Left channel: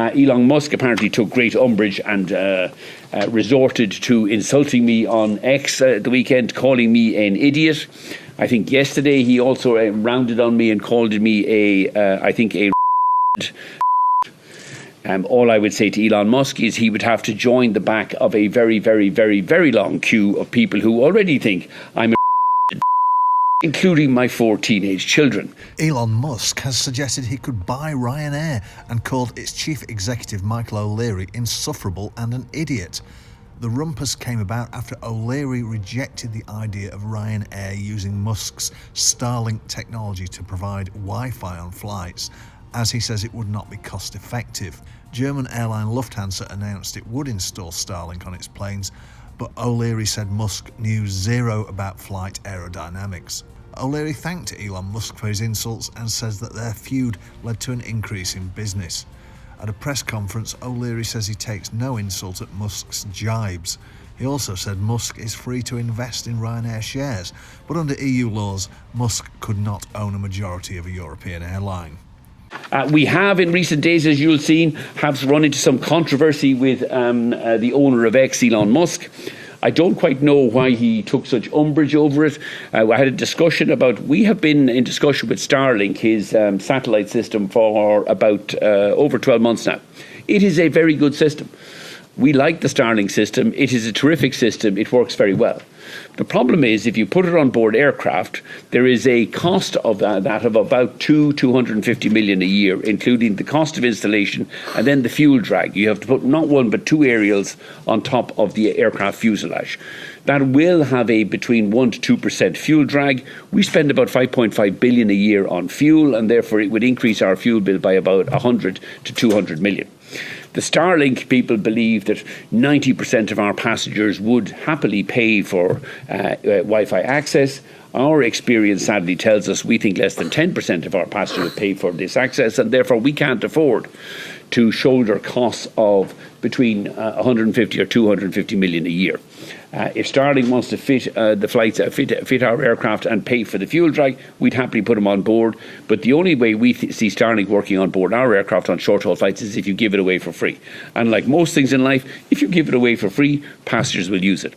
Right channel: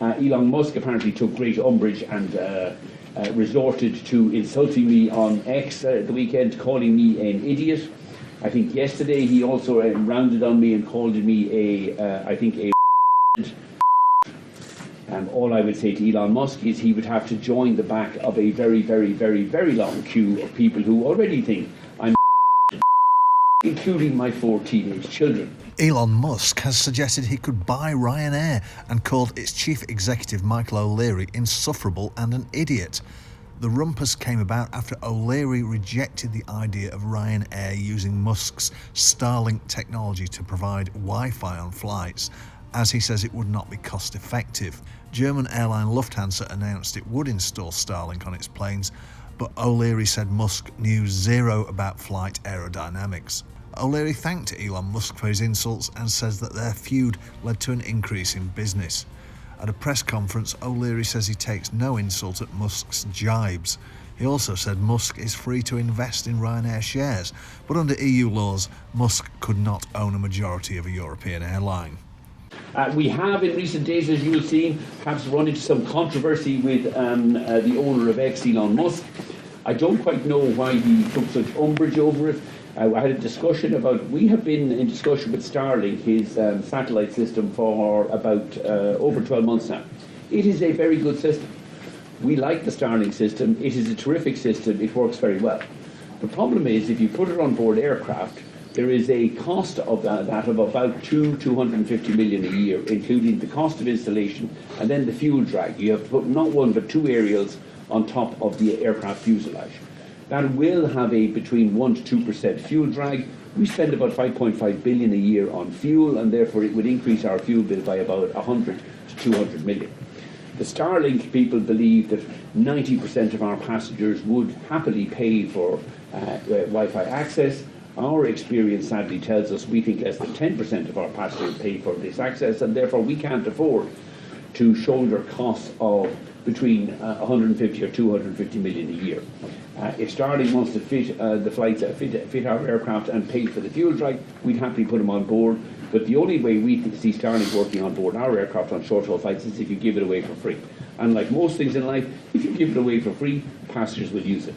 Elon Musk apparently took great umbrage and resorted to insulting me on X the weekend, calling me an idiot. I think yesterday he also rounded on me and called me a all I would say to Elon Musk is he would have to join the back of a very, very, very, very long queue of people who already think I'm including my 4 teenage children. Elon Musk has suggested he could buy Ryanair and called its chief executive Michael O'Leary insufferable and an idiot. The rumpus came about after O'Leary rejected the idea of Ryanair using Musk's Starlink technology to provide Wi-Fi on flights, as he says it would not be cost effective. German airline Lufthansa announced it would install Starlink on its planes, but O'Leary said Musk knew zero about flight aerodynamics. O'Leary thanked Elon Musk for his insults and says that their feud led to an increase in business. At a press conference, O'Leary says he takes no insult at Musk's jibes. He also said Musk is free to invest in Ryanair shares, but under EU laws, Musk could not own a majority of a European airline. We have in recent days, as you'll see, have run into some controversy with the owner of X, Elon Musk. I don't quite know why he took such umbrage over it. I had a discussion about, we have been in discussion with Starlink, his satellite system, for about over 12 months now. It is a very good system. We like the Starlink system. It is a terrific system. It works very well. The problem is, if you put it on board aircraft, there is a cost of that of about 250 million a year, including the cost of installation and then the fuel drag. You have to put not one but 2 aerials on top of the aircraft fuselage. That will have a between 1 to 2% fuel drag. We spend about 5.5 billion a year on fuel, and therefore it would increase our fuel bill by about 100 to 200 million. The Starlink people believe that 90% of our passengers would happily pay for Wi-Fi access. Our experience sadly tells us we think less than 10% of our passengers pay for this access, and therefore we can't afford to shoulder costs of between 150 or 250 million a year. If Starlink wants to fit the flights, fit our aircraft and pay for the fuel drag, we'd happily put them on board. But the only way we see Starlink working on board our aircraft on short-haul flights is if you give it away for free. And like most things in life, if you give it away for free, passengers will use it.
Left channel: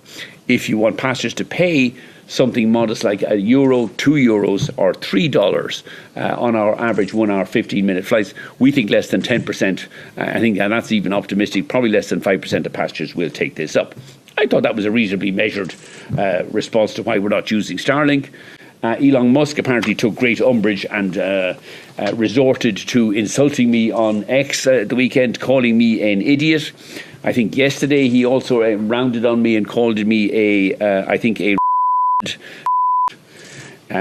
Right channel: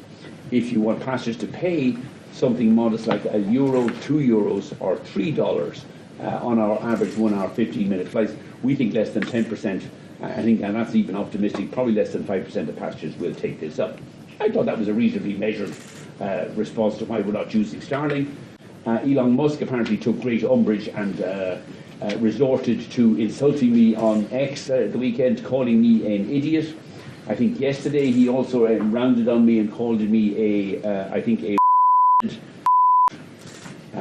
If you want passengers to pay something modest like €1, €2 or $3 on our average 1 hour 15-minute flights, we think less than 10%, I think, and that's even optimistic, probably less than 5% of passengers will take this up. I thought that was a reasonably measured response to why we're not using Starlink. Elon Musk apparently took great umbrage and resorted to insulting me on X the weekend, calling me an idiot. I think yesterday he also rounded on me and called me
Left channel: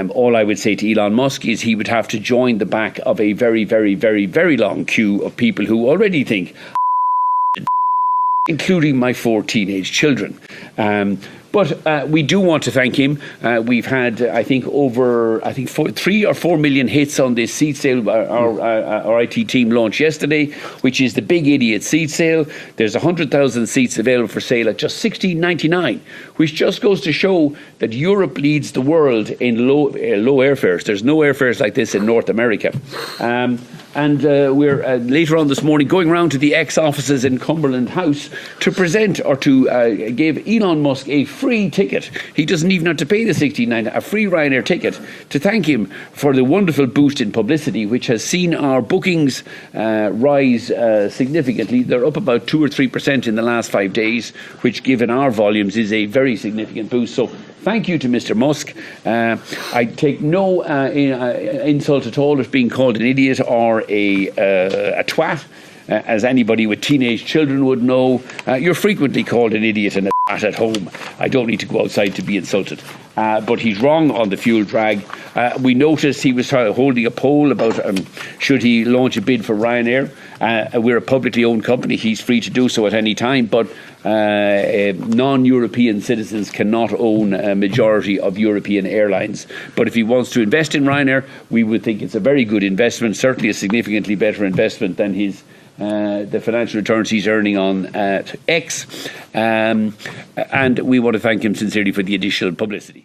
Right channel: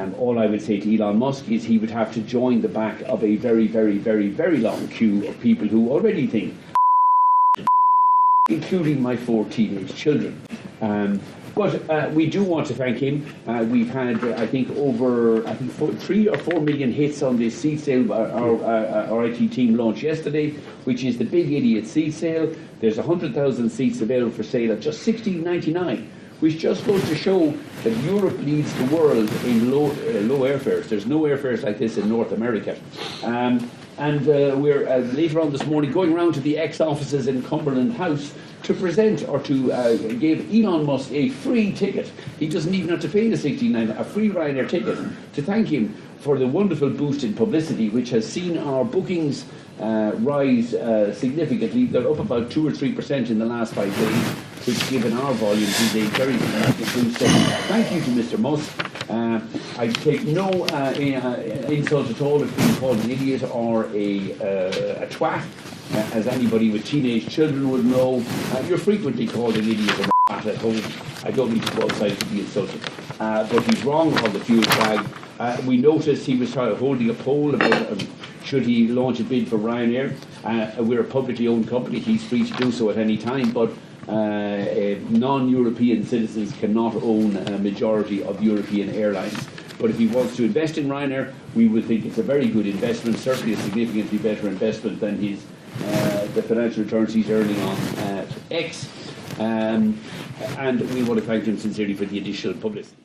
all I would say to Elon Musk is he would have to join the back of a very, very, very, very long queue of people who already think including my 4 teenage children. But we do want to thank him. We've had, I think, 3 or 4 million hits on this seat sale our IT team launched yesterday, which is the Big Idiot seat sale. There's 100,000 seats available for sale at just $16.99, which just goes to show that Europe leads the world in low airfares. There's no airfares like this in North America. And we're later on this morning going round to the X offices in Cumberland House to present or to give Elon Musk a free ticket. He doesn't even have to pay the $16.99, a free Ryanair ticket, to thank him for the wonderful boost in publicity, which has seen our bookings rise significantly. They're up about 2 or 3% in the last 5 days, which given our volumes is a very significant boost. So thank you to Mr Musk. I take no insult at all of being called an idiot or a twat. As anybody with teenage children would know, you're frequently called an idiot and a twat at home. I don't need to go outside to be insulted. But he's wrong on the fuel drag. We noticed he was holding a poll about should he launch a bid for Ryanair. We're a publicly owned company. He's free to do so at any time, but non-European citizens cannot own a majority of European airlines. But if he wants to invest in Ryanair, we would think it's a very good investment, certainly a significantly better investment than the financial returns he's earning on X. And we want to thank him sincerely for the additional publicity.